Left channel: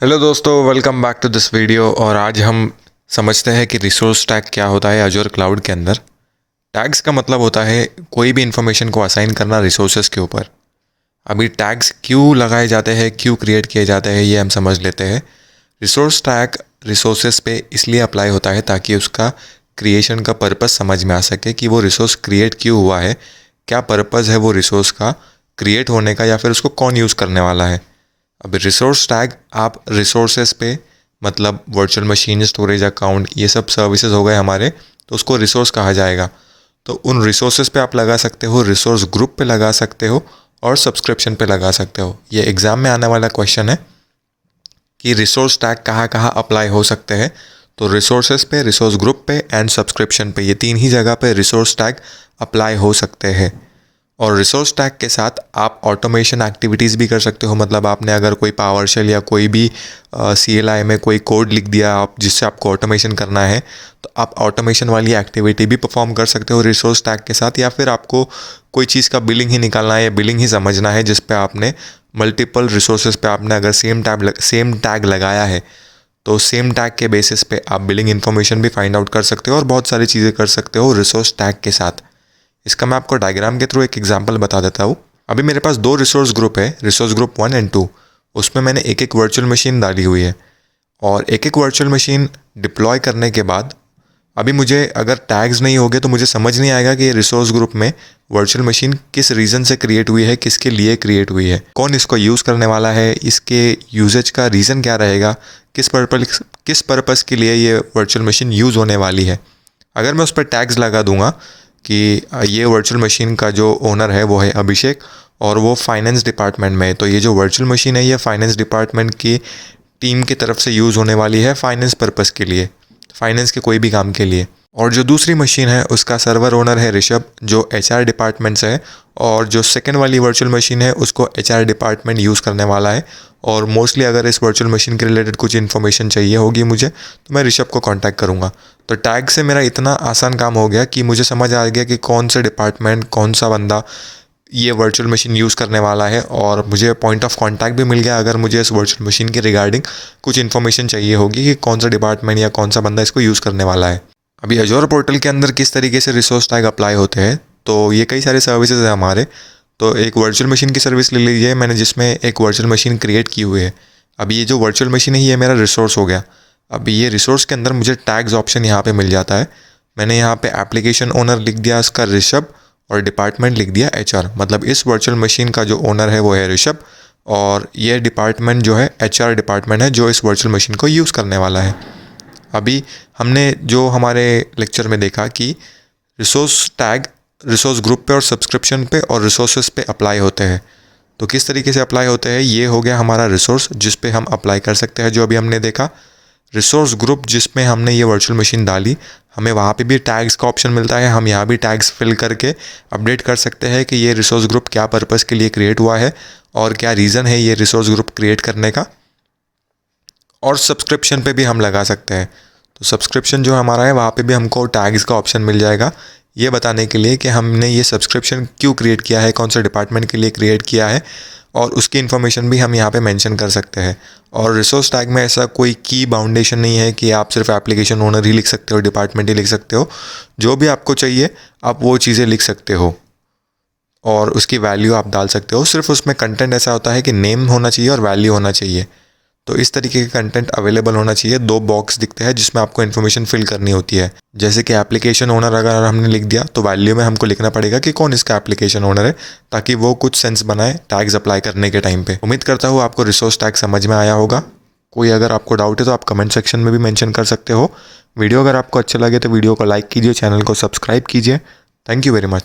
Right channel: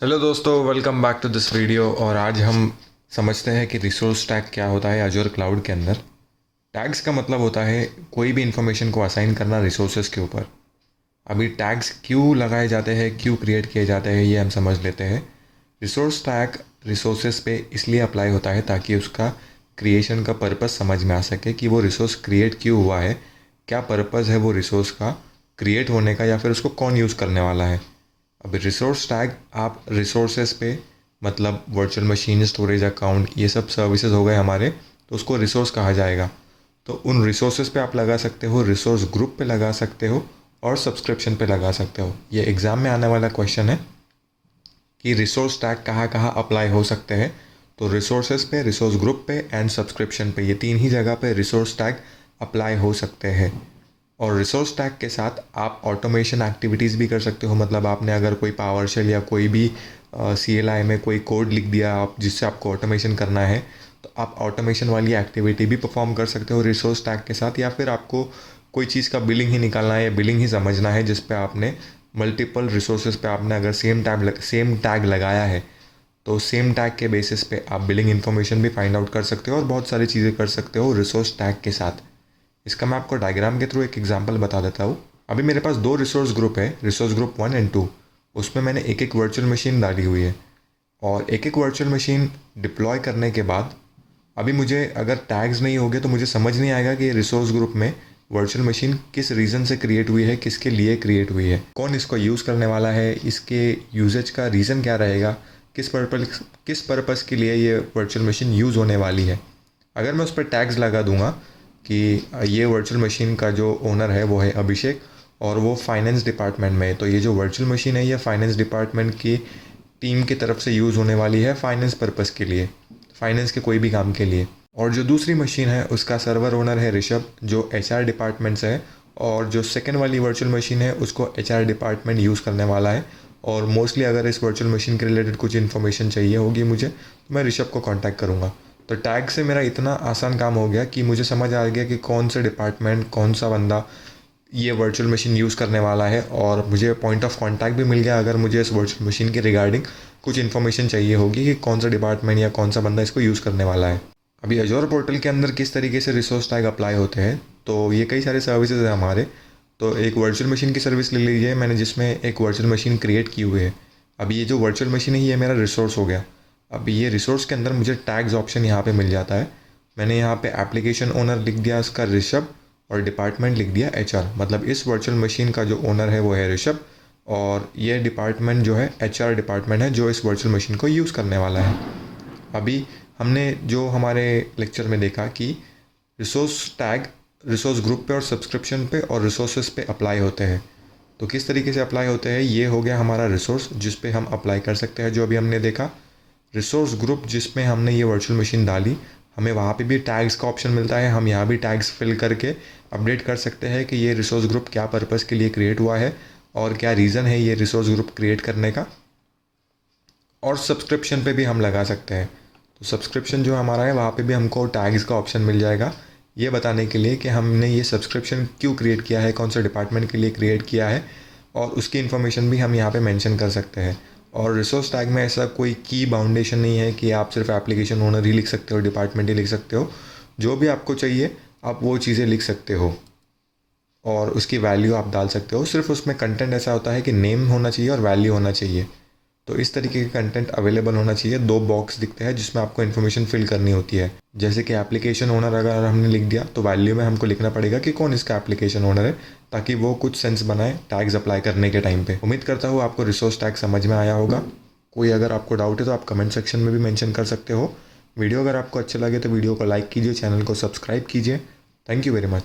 Hello दोस्तों, welcome back to this video. और आज हम समझते हैं कि रिसोर्स टैग क्या होता है अजूर क्लाउड के अंदर। टैग्स का मतलब होता है कोई भी इन्फॉर्मेशन को असाइन करना रिसोर्सेज के ऊपर। अभी टैग्स क्यों लगाए जाते हैं, क्यों क्रिएट किए जाते हैं, ये हम समझ लेते हैं। रिसोर्स टैग रिसोर्सेज पे इसलिए अप्लाई होता है ताकि उसका क्रिएशन का पर्पस समझ में आ सके कि वो रिसोर्स क्रिएट क्यों हुआ है, क्या पर्पस है वो रिसोर्स का क्रिएट होने का, या फिर उसको कौन यूज़ करने वाला है। अब रिसोर्स टैग आप रिसोर्सेज पे मतलब वर्चुअल मशीन, स्टोरेज अकाउंट, ये सब सर्विसेज हो गए हमारे, तो उसको रिसोर्स कहा जाएगा। तो उन रिसोर्सेज पे आप लगा सकते हो, रिसोर्स ग्रुप पे लगा सकते हो और सब्सक्रिप्शन पे लगा सकते हो। ये एग्ज़ाम में आने वाला क्वेश्चन है कि रिसोर्स टैग कहाँ कहाँ अप्लाई हो सकते हैं। तो रिसोर्सेज पे, रिसोर्स ग्रुप पे एंड सब्सक्रिप्शन पे, ये तीन ही जगह पे रिसोर्स टैग अप्लाई हो सकते हैं। और रिसोर्स टैग के साथ आप ऑटोमेशन एक्टिविटीज़ भी कर सकते हो। मतलब आपने अगर कोई पावर शेल या कोई भी CLI में कोई कोड लिख दिया आप, जिससे आपको ऑटोमेशन करना है, तो आप ऑटोमेशन वाली एक्टिविटी भी परफॉर्म कर सकते हो रिसोर्स टैग के साथ। या फिर आपको कोई चीज़ का बिलिंग ही निकालना है या बिलिंग ही समझना है, जिस पे आपने मल्टीपल रिसोर्सेज पे आपने अगर सेम टैग लगाया है, तो सेम टैग के बेसिस पे आप बिलिंग इन्फॉर्मेशन भी फाइंड आउट कर सकते हो और बहुत सारी चीज़ें कर सकते हो रिसोर्स टैग के साथ। इसका मैं आपको डायग्राम के थ्रू एक एग्जांपल बता देता हूँ। अभी मेरे पास दो रिसोर्स ग्रुप है, रिसोर्स ग्रुप 1 एंड 2। उसमें मैंने एक एक वर्चुअल मशीन डाली हुई है और एक एक वर्चुअल मशीन डिप्लॉय करने के बाद अभी मुझे अगर टैग्स नहीं होंगे तो मुझे समझ नहीं आएगा कि ये रिसोर्स ग्रुप में वर्चुअल मशीन किस रीज़न से क्रिएट हुई है, किसके लिए क्रिएट हुई है, कौन इसको यूज़ करने वाला है, इसके यूजेज का रीज़न क्या रहेगा, किस पर्पस के लिए ये वर्चुअल मशीन यूज़ होने वाली है। अगर मैं उस पर टैग्स लगा दूंगा कि ये वर्चुअल मशीन का जो ओनर है वो है अभिषेक और वो फाइनेंस डिपार्टमेंट में है, तो ये जो वर्चुअल मशीन है ये फाइनेंस डिपार्टमेंट की टीम की तरफ से यूज़ होने वाली है फाइनेंस पर्पस के लिए, फाइनेंस के कोई भी काम के लिए। और जो दूसरी मशीन है उसका सर्वर ओनर है ऋषभ, जो HR डिपार्टमेंट से है। और जो सेकंड वाली वर्चुअल मशीन है उसको HR डिपार्टमेंट यूज़ करने वाला है। और मोस्टली अगर इस वर्चुअल मशीन के रिलेटेड कुछ इन्फॉर्मेशन चाहिए होगी मुझे, तो मैं ऋषभ को कांटेक्ट करूँगा। तो टैग से मेरा इतना आसान काम हो गया कि मुझे समझ आ गया कि कौन सा डिपार्टमेंट, कौन सा बंदा ये वर्चुअल मशीन यूज़ करने वाला है। और मुझे पॉइंट ऑफ कांटेक्ट भी मिल गया अगर मुझे इस वर्चुअल मशीन के रिगार्डिंग कुछ इन्फॉर्मेशन चाहिए होगी कि कौन सा डिपार्टमेंट या कौन सा बंदा इसको यूज़ करने वाला है। अभी अजोर पोर्टल के अंदर किस तरीके से रिसोर्स टैग अप्लाई होते हैं, तो ये कई सारे सर्विसेज हैं हमारे। तो एक वर्चुअल मशीन की सर्विस ले लीजिए मैंने, जिसमें एक वर्चुअल मशीन क्रिएट की हुई है। अभी ये जो वर्चुअल मशीन है ये मेरा रिसोर्स हो गया। अभी ये रिसोर्स के अंदर मुझे टैग्स ऑप्शन यहाँ पे मिल जाता है। मैंने यहाँ पे एप्लीकेशन ओनर लिख दिया उसका ऋषभ और डिपार्टमेंट लिख दिया HR। मतलब इस वर्चुअल मशीन का जो ओनर है वो है ऋषभ और ये डिपार्टमेंट जो है HR डिपार्टमेंट है जो इस वर्चुअल मशीन को यूज़ करने वाला है। अभी हमने जो हमारे लेक्चर में देखा कि रिसोर्स टैग रिसोर्स ग्रुप पे और सब्सक्रिप्शन पे और रिसोर्सेज पे अप्लाई होते हैं। तो किस तरीके से अप्लाई होते हैं, ये हो गया हमारा रिसोर्स जिस पे हम अप्लाई कर सकते हैं, जो अभी हमने देखा। रिसोर्स ग्रुप जिसमें हमने ये वर्चुअल मशीन डाली, हमें वहाँ पे भी टैग्स का ऑप्शन मिलता है। हम यहाँ भी टैग्स फिल करके अपडेट कर सकते हैं कि ये रिसोर्स ग्रुप क्या पर्पस के लिए क्रिएट हुआ है और क्या रीज़न है ये रिसोर्स ग्रुप क्रिएट करने का। और सब्सक्रिप्शन पे भी हम लगा सकते हैं। तो सब्सक्रिप्शन जो हमारा है वहाँ पे भी हमको टैग्स का ऑप्शन मिल जाएगा, ये बताने के लिए कि हमने ये सब्सक्रिप्शन क्यों क्रिएट किया है, कौन से डिपार्टमेंट के लिए क्रिएट किया है, और उसकी इन्फॉर्मेशन भी हम यहाँ पे मेंशन कर सकते हैं। और रिसोर्स टैग में ऐसा कोई की बाउंडेशन नहीं है कि आप सिर्फ एप्लीकेशन ओनर ही लिख सकते हो, डिपार्टमेंट ही लिख सकते हो। जो भी आपको चाहिए आप वो चीज़ें लिख सकते हो और उसकी वैल्यू आप डाल सकते हो। सिर्फ उसमें कंटेंट ऐसा होता है कि नेम होना चाहिए और वैल्यू होना चाहिए। तो इस तरीके का कंटेंट अवेलेबल होना चाहिए। दो बॉक्स दिखते हैं जिसमें आपको इन्फॉर्मेशन फिल करनी होती है। जैसे कि एप्लीकेशन ओनर अगर हमने लिख दिया तो वैल्यू में हमको लिखना पड़ेगा कि कौन इसका एप्लीकेशन ओनर है, ताकि वो कुछ सेंस बनाए टैग्स अप्लाई करने के टाइम पे। उम्मीद करता हूँ आपको रिसोर्स टैग समझ में आया होगा। कोई अगर आपको डाउट है तो आप कमेंट सेक्शन में भी मेंशन कर सकते हो। वीडियो अगर आपको अच्छा लगे तो वीडियो को लाइक कीजिए, चैनल को सब्सक्राइब कीजिए। Thank you very much.